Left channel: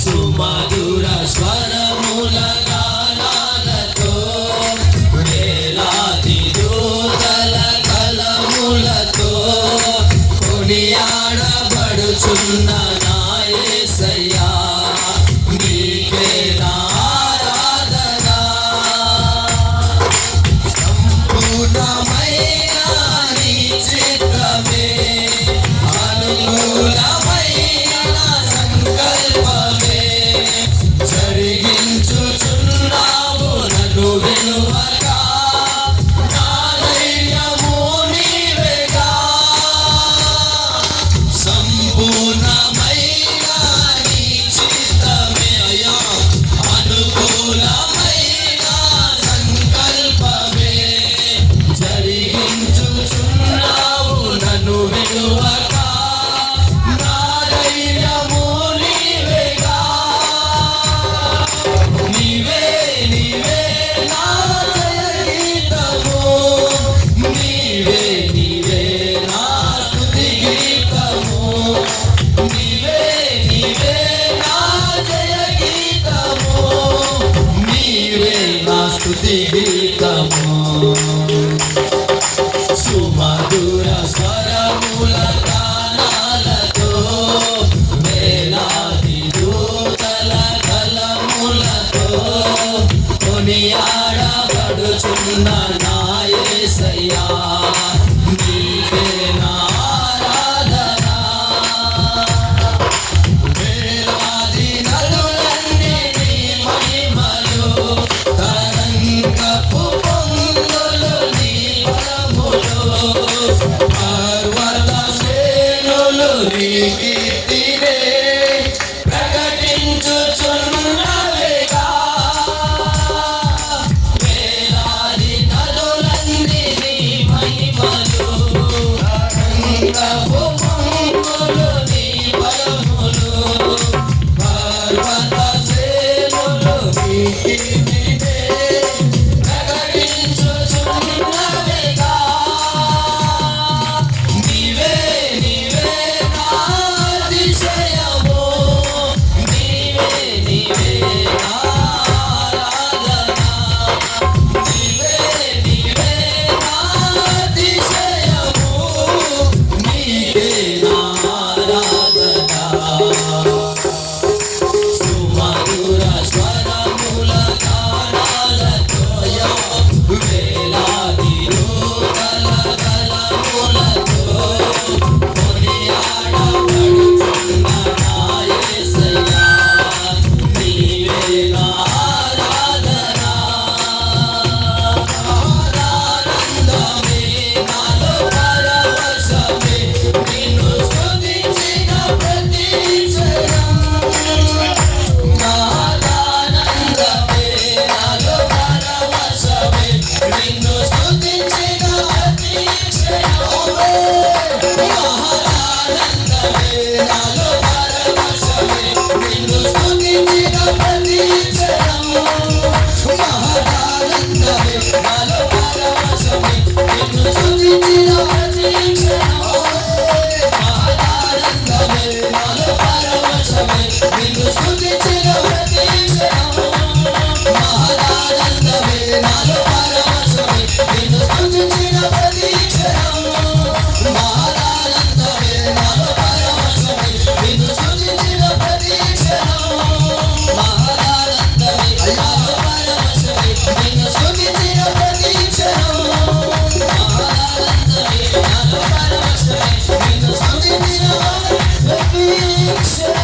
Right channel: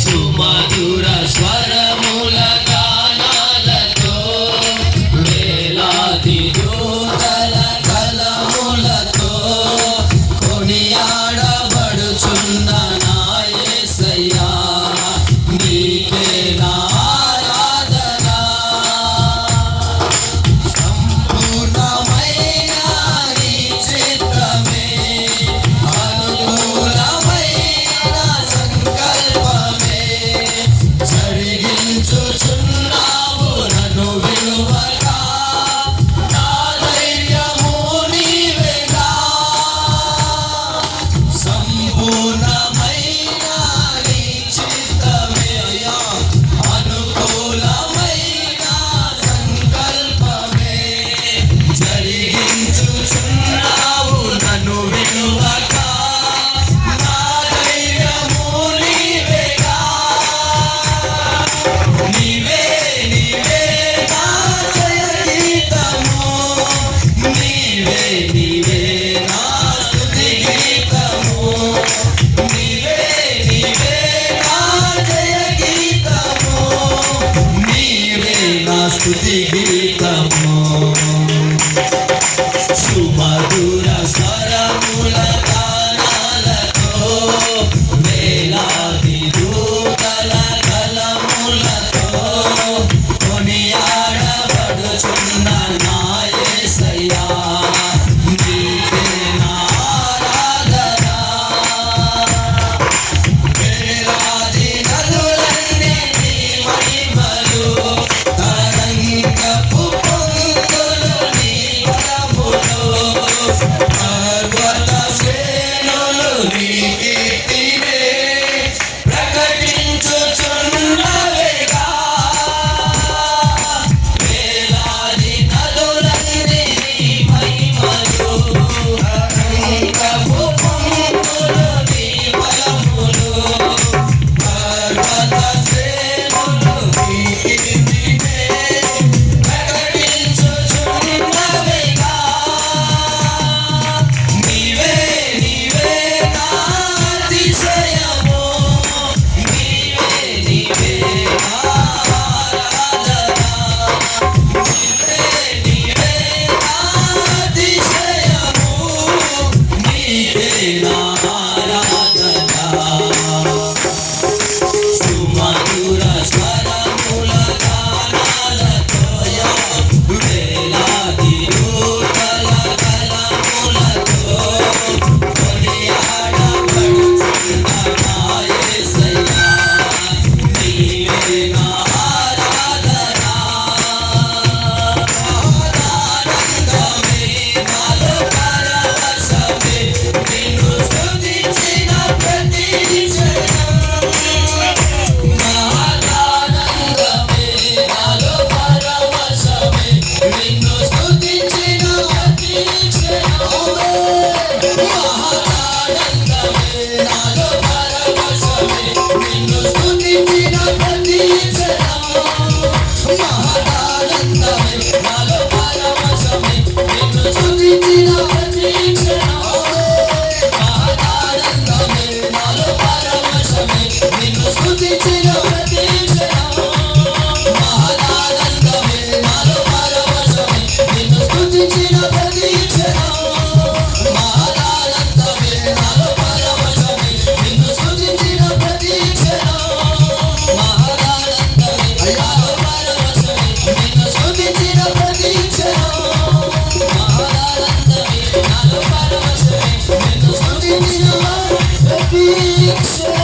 సుమధుర స్వరముల గానాలతో వేలాది దూతల కలములతో కొనియాడబడుచున్న నా యేసయ్యా నీకే నా ఆరాధన సంపూర్ణమైన నీ చిత్తమే అనుకూలమైన సంకల్పమే జరిగించుచున్నావు నన్ను విలువగా నా ధైర్యము నీవేగా సంపూర్ణమైన నీ చిత్తమే అయ్యా అనుకూలమైన సంకల్పమే జరిగించుచున్నావు నన్ను విలువగా నా ధైర్యము నీవేగా నీవే నీవే నా జయగీతము నీవే నీవే నా స్తుతి గీతము నీవే నీవే నా జయగీతము నీవే నా స్తుతి గీతము సుమధుర స్వరముల గానాలతో వేలాది దూతల కలములతో కొనియాడబడుచున్న నా యేసయ్యా నీకే నా ఆరాధన వేలాది నదులన్నీ నీ మహిమలు తరంగపు పొంగులు నీ బలములు పర్వత శ్రేణులు నీ కీర్తినే ప్రకటించుచున్నవేగా వేలాది నదులన్నీ నీ మహిమలు తరంగపు పొంగులు నీ బలములు పర్వత శ్రేణులు నీ కీర్తినే ప్రకటించుచున్నవేగా నీవే నీవే నా అతిశయము నీవే నీవే నా ఆరాధన నీవే నీవే నా అతిశయము నీవే నా ఆరాధన సుమధుర స్వరముల గానాలతో వేలాది దూతల కలములతో కొనియాడబడుచున్న నా యేసయ్యా నీవే నా ఆరాధన ఆనందమే నాలో పరవశమే నిన్ను స్తుతించిన ప్రతి క్షణం మహదానందమే నాలో పరవశమే నిన్ను స్తుతించిన ప్రతి క్షణం మహదానందమే నాలో పరవశమే నిన్ను స్తుతించిన ప్రతి క్షణం మహదానందమే నాలో పరవశమే నిన్ను స్తుతించిన ప్రతి క్షణం మహదానందమే నాలో పరవశమే నిన్ను స్తుతించిన ప్రతి క్షణం మహదానందమే నాలో పరవశమే నిన్ను స్తుతించిన ప్రతి క్షణం మహదానందమే నాలో పరవశమే నిన్ను స్తుతించిన ప్రతి క్షణం మహదానందమే నాలో పరవశమే నిన్ను స్తుతించిన ప్రతి క్షణం మహదానందమే నాలో పరవశమే నిన్ను స్తుతించిన ప్రతి క్షణం